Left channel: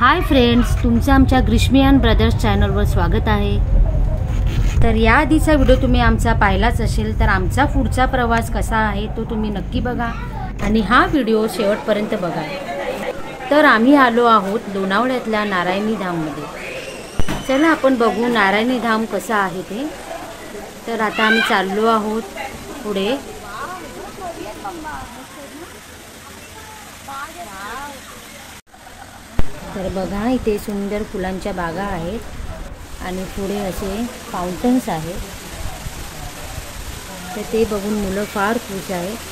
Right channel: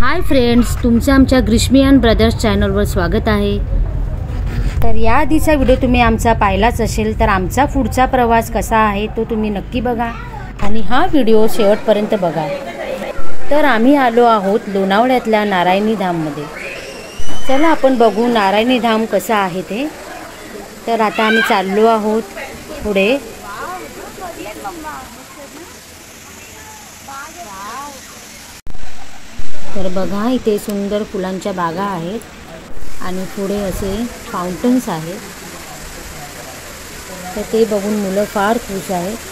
Hi friends, तुमचं आमच्या ग्रिशमियान brothers चॅनलवर स्वागत आहे। तर या आधीचा व्हिडिओ तुम्ही आमचा पाहिलाच असेल, तर आमचा पुढचा प्रवास कसा आहे तो तुम्ही नक्की बघा आणि हा व्हिडिओ शेवटपर्यंत बघा। तर आम्ही आलो आहोत लोणावळ्यातल्या नारायणी धाममध्ये। चला आपण बघू नारायणी धाम कसं आहे ते। तर आता आम्ही चाललो आहोत पुढे। तर बघा इथे सुंदर फुलांच्या बागा आहेत आणि पुढे असे फाउंटन्स आहेत। तर ते बघून मुलं फार खुश आहेत।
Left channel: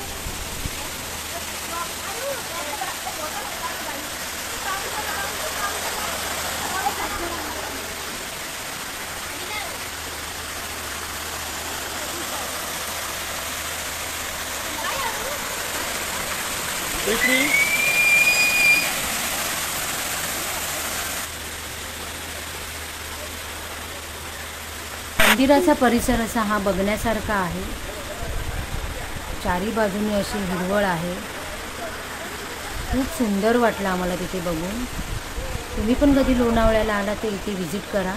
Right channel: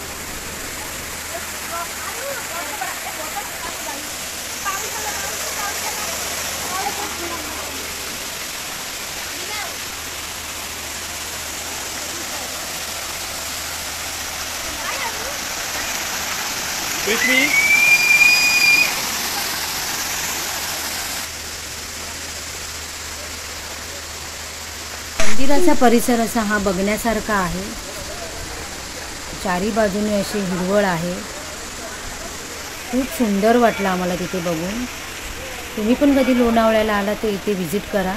मंदिराचा परिसर असा हा बघण्यासारखा आहे। चारी बाजूने अशी हिरवळ आहे। खूप सुंदर वाटलं आम्हाला तिथे बघून। तुम्ही पण कधी लोणावळ्याला आला तर इथे व्हिजिट करा।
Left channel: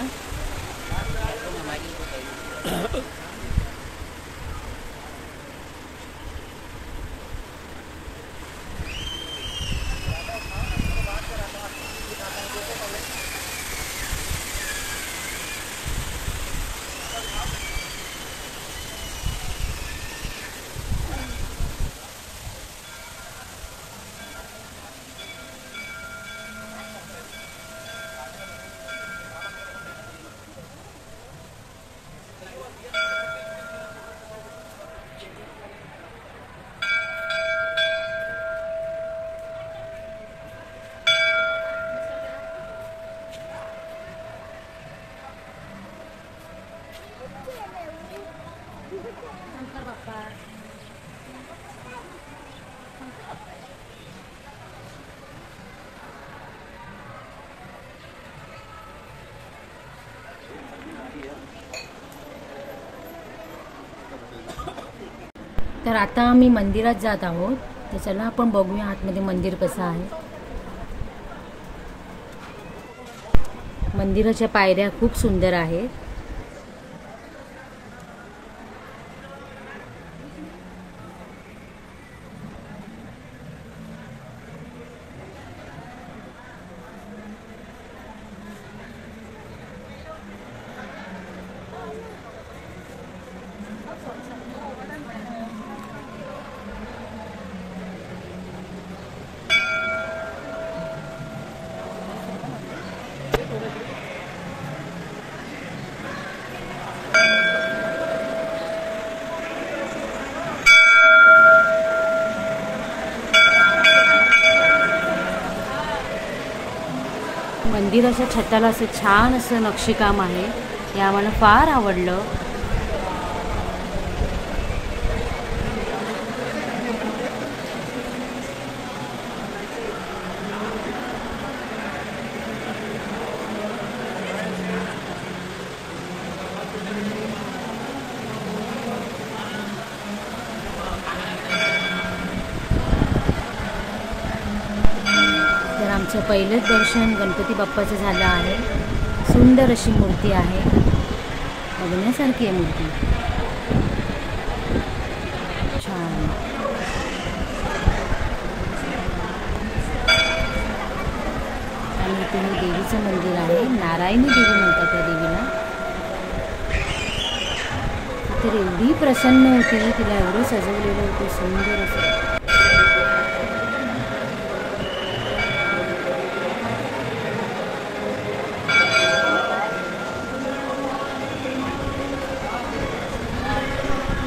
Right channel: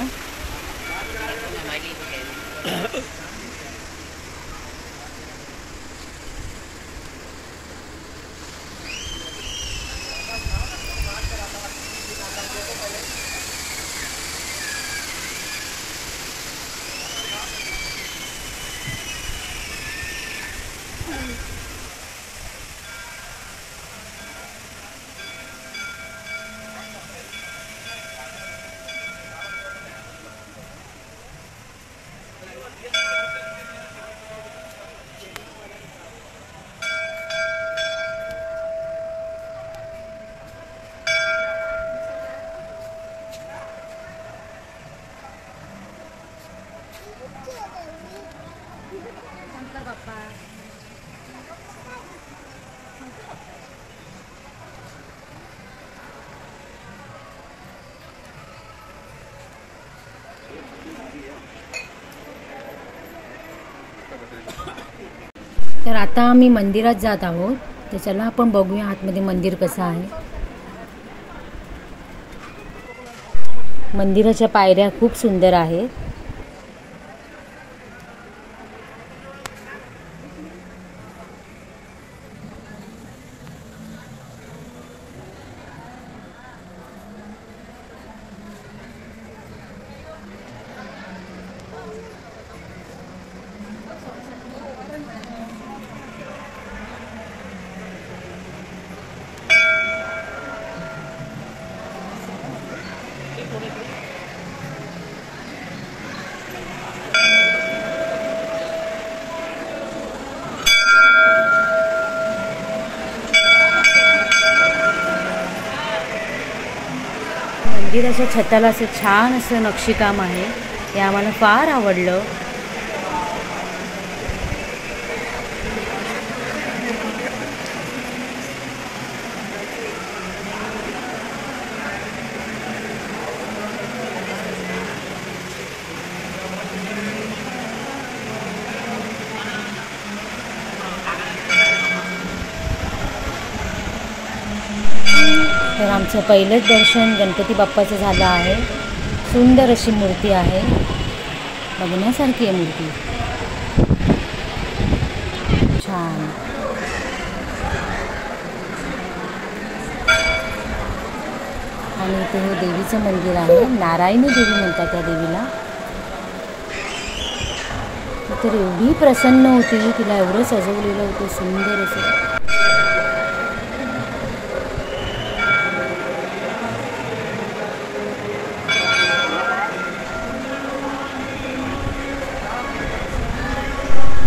तर आता आम्ही मंदिरात जात आहोत। तर चला आपण बघूया आतमध्ये मंदिर कसं आहे। मंदिराच्या पायऱ्या खूप सुंदर आहेत। मंदिराच्या छताला असं छान असं नक्षीकाम आहे। हे आम्हाला फार आवडलं। तर आमचं पहिलंच दर्शन गणपती बाप्पाचं झालं आहे। सुंदर अशी मूर्ती आहे, बघण्यासारखी आहे मूर्ती, छान। आणि इथे हे देवीचं मंदिर आहे, नारायणी देवी म्हणतात त्या देवीला। तर एवढी प्रसन्न होती, तिला एवढं सजवलेलं होतं सुंदर असं।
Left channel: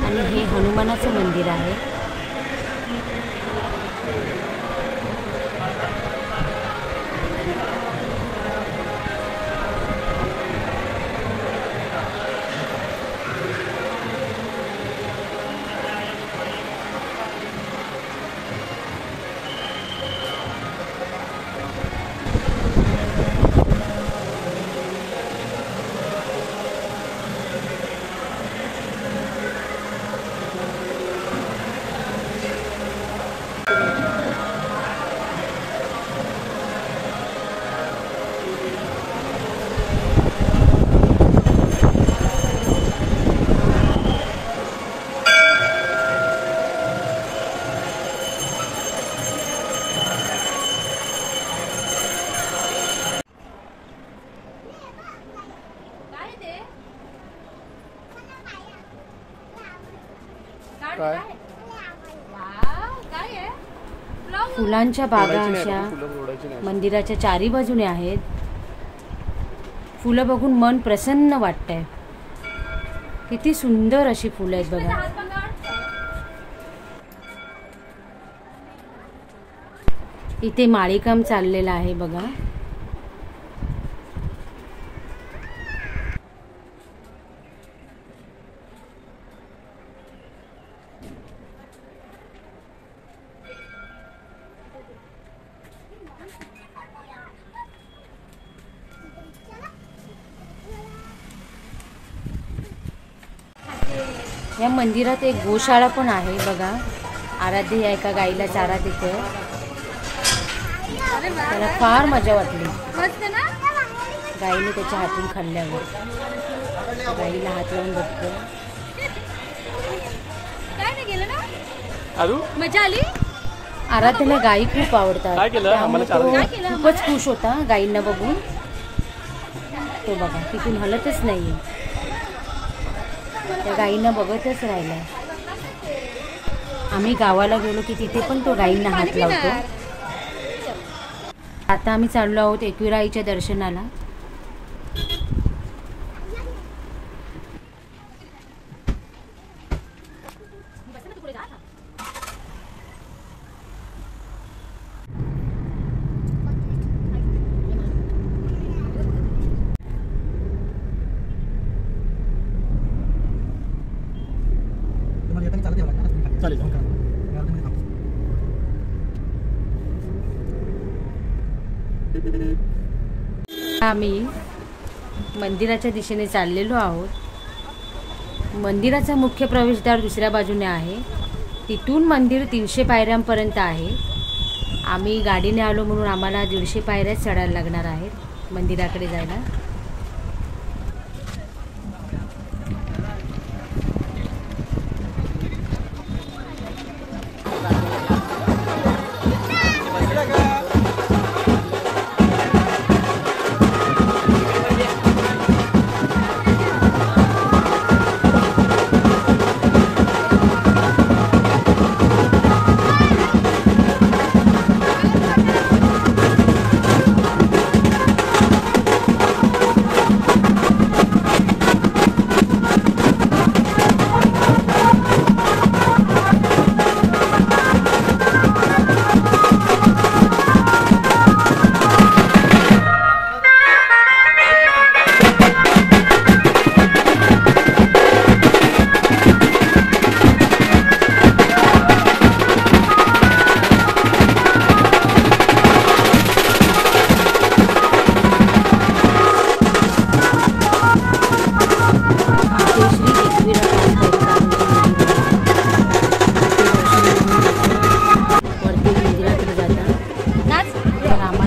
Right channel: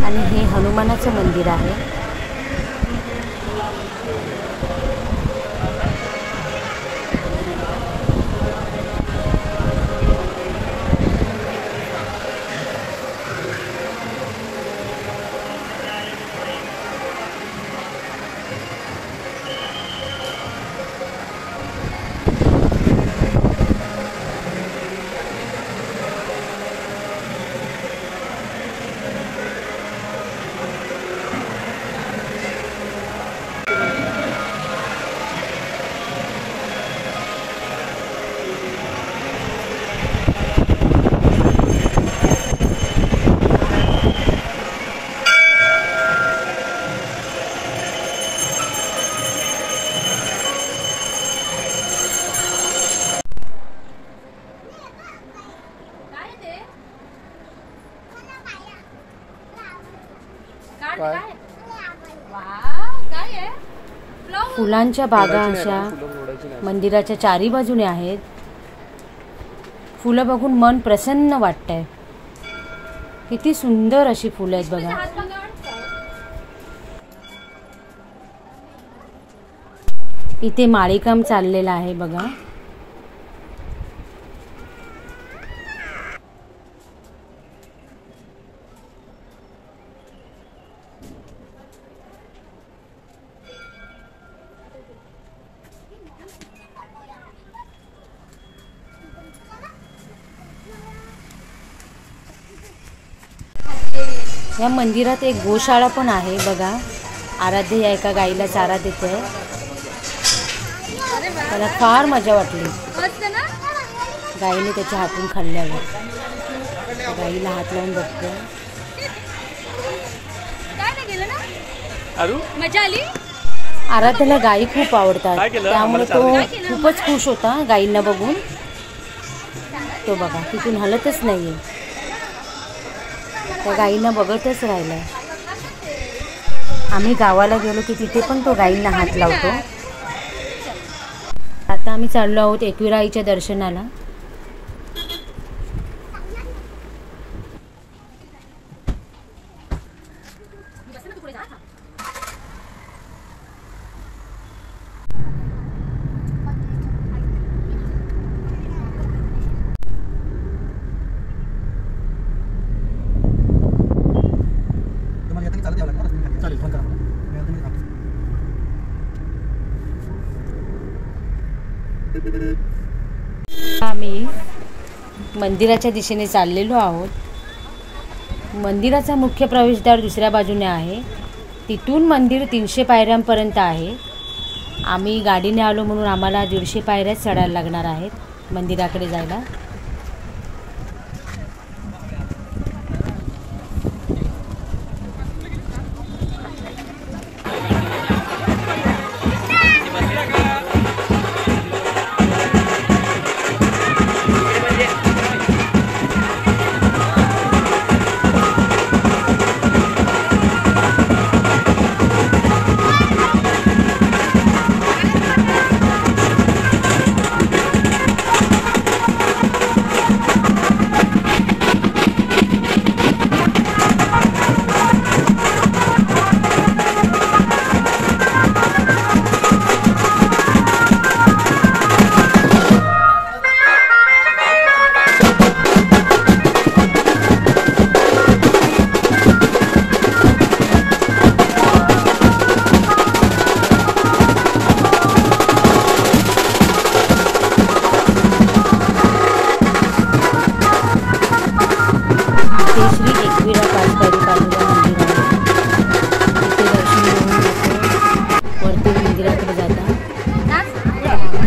आणि हे हनुमानाचं मंदिर आहे। काय फुलांच्या बागा अशा मंदिराच्या चारी बाजूने आहेत. फुलं बघून मन प्रसन्न वाटतंय. किती सुंदर अशी फुलं आहेत बघा. इथे माळीकाम चाललेलं आहे बघा. या मंदिरात एक गोशाळा पण आहे बघा. आराध्य या एका गाईला चारा देते. त्याला फार मजा वाटली गाईने त्याच्या हातून खाल्ल्यावर. गाईला हात लावून बघते. आराध्याला गाई खूप आवडतात त्यामुळे तो खूपच खुश होता गाईंना बघून. तो बघा तिथून हलतच नाहीये. त्या गाईंना बघतच राहिलाय. आम्ही गावाला गेलो की तिथे पण तो गाईंना हात लावतो. आता आम्ही चाललो आहोत एकविरा आईच्या दर्शनाला. आम्ही मंदिराच्या दिशेने चाललेलो आहोत. मंदिराचा मुख्य प्रवेशद्वार दुसऱ्या बाजूने आहे. तिथून मंदिर 300 पायऱ्यांपर्यंत आहे. आम्ही गाडीने आलो म्हणून आम्हाला 150 पायऱ्याच चढायला लागणार आहेत मंदिराकडे जायला.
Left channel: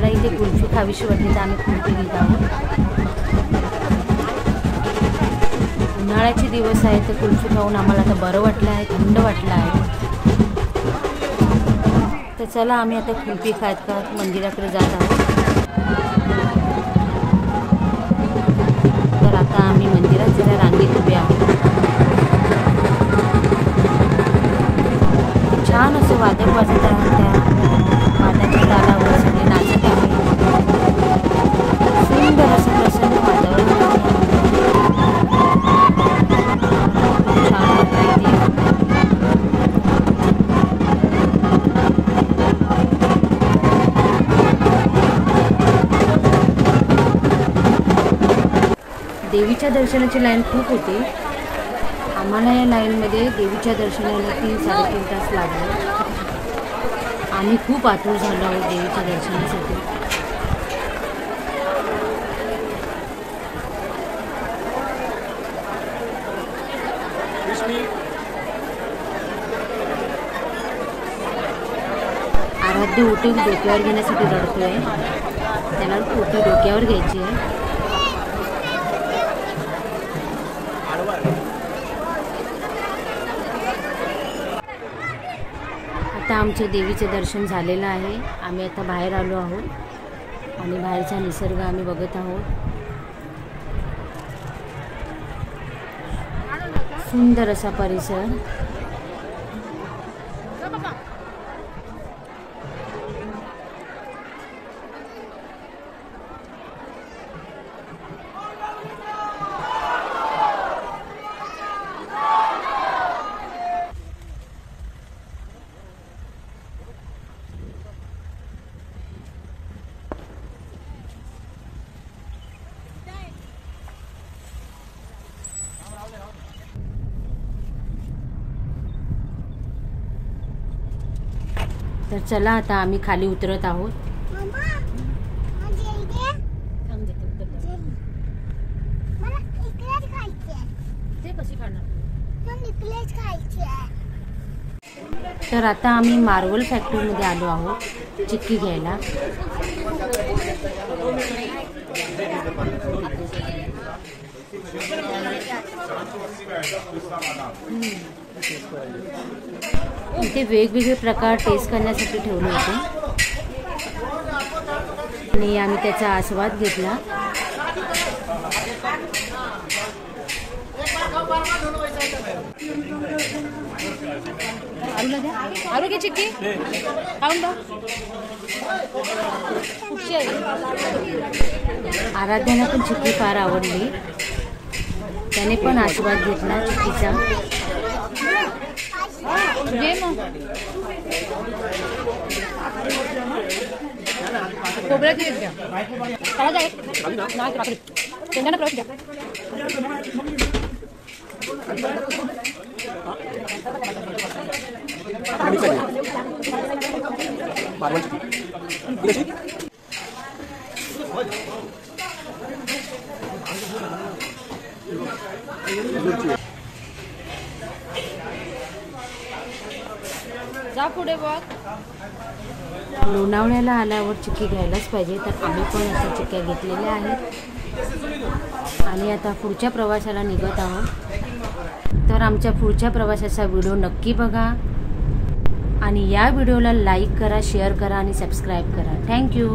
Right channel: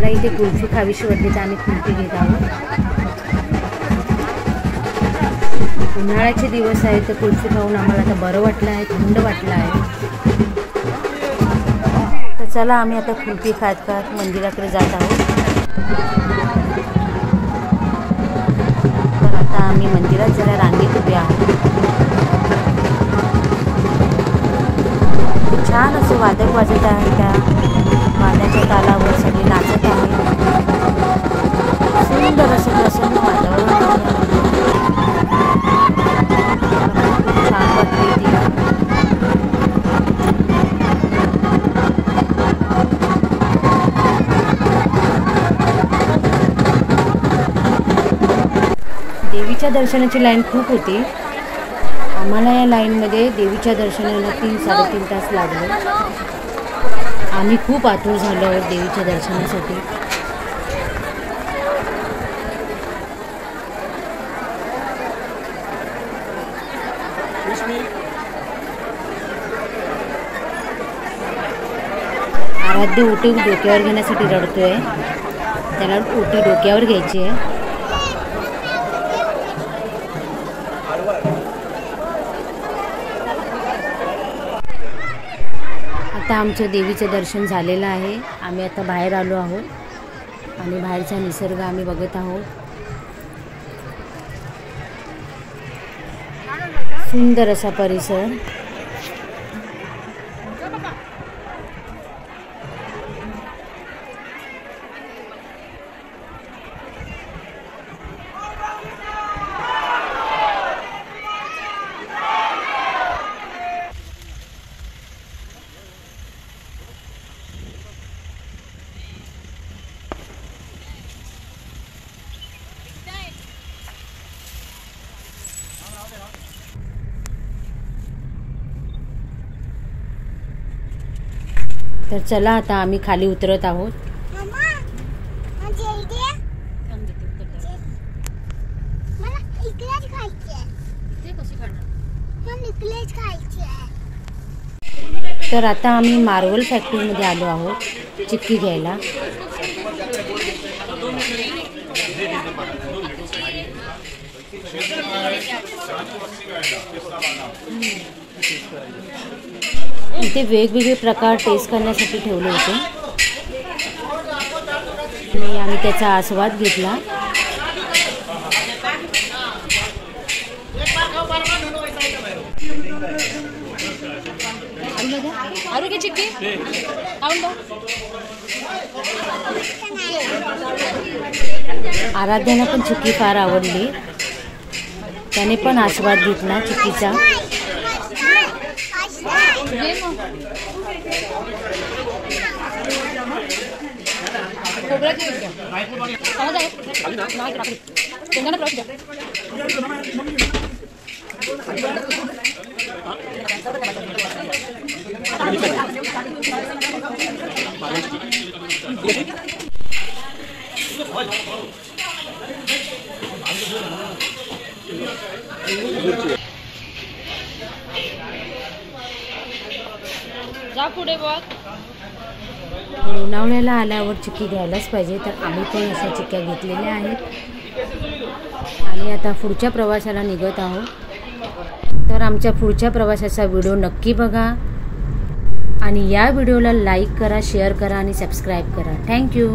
इथे कुल्फी खावीशी वाटते तर आम्ही कुल्फी घेत आहोत. उन्हाळ्याचे दिवस आहेत तर कुल्फी खाऊन आम्हाला आता बरं वाटलं आहे, थंड वाटलं आहे. तर चला आम्ही आता कुल्फी खात खात मंदिराकडे जात आहोत. तर आता आम्ही मंदिरात जरा रांगेत उभे आहोत. छान असं वादक वाजत आहे. त्या वाद्याच्या तालावर सगळे नाचत आहे. सुंदर असं प्रसन्न वातावरण आहे. छान वाटते इथे. देवीच्या दर्शनाची लाईन खूप होती. आम्हाला या लाईनमध्ये देवीच्या दर्शनाला 3-3.5 तास लागले. आम्ही खूप आतुर झालो आहोत देवीच्या दर्शनासाठी. आराध्य ओटी डोक्यावर घेण्यासाठी रडतोय. त्याला ओटी डोक्यावर घ्यायची आहे. आता आमचं देवीचं दर्शन झालेलं आहे. आम्ही आता बाहेर आलो आहोत आणि बाहेरचा निसर्ग आम्ही बघत आहोत. सुंदर असा परिसर. तर चला आता आम्ही खाली उतरत आहोत. तर आता आम्ही मार्बल फॅक्टरीमध्ये आलो आहोत चिक्की घ्यायला. इथे वेगवेगळे प्रकार टेस्ट करण्यासाठी ठेवले होते आणि आम्ही त्याचा आस्वाद घेतला. आरोग्य चिक्की आराध्याला पण चिक्की फार आवडली. त्याने पण आस्वाद घेतला चिक्कीचा. जा पुढे बघ. लोणावळ्याला आल्यावर चिक्की घ्यायलाच पाहिजे, तर आम्ही पण अशा चिक्क्या घेतलेल्या आहेत आणि आता पुढच्या प्रवासाला निघत आहोत. तर आमच्या पुढच्या प्रवासाचा व्हिडिओ नक्की बघा आणि या व्हिडिओला लाईक करा, शेअर करा आणि सबस्क्राईब करा. थँक्यू.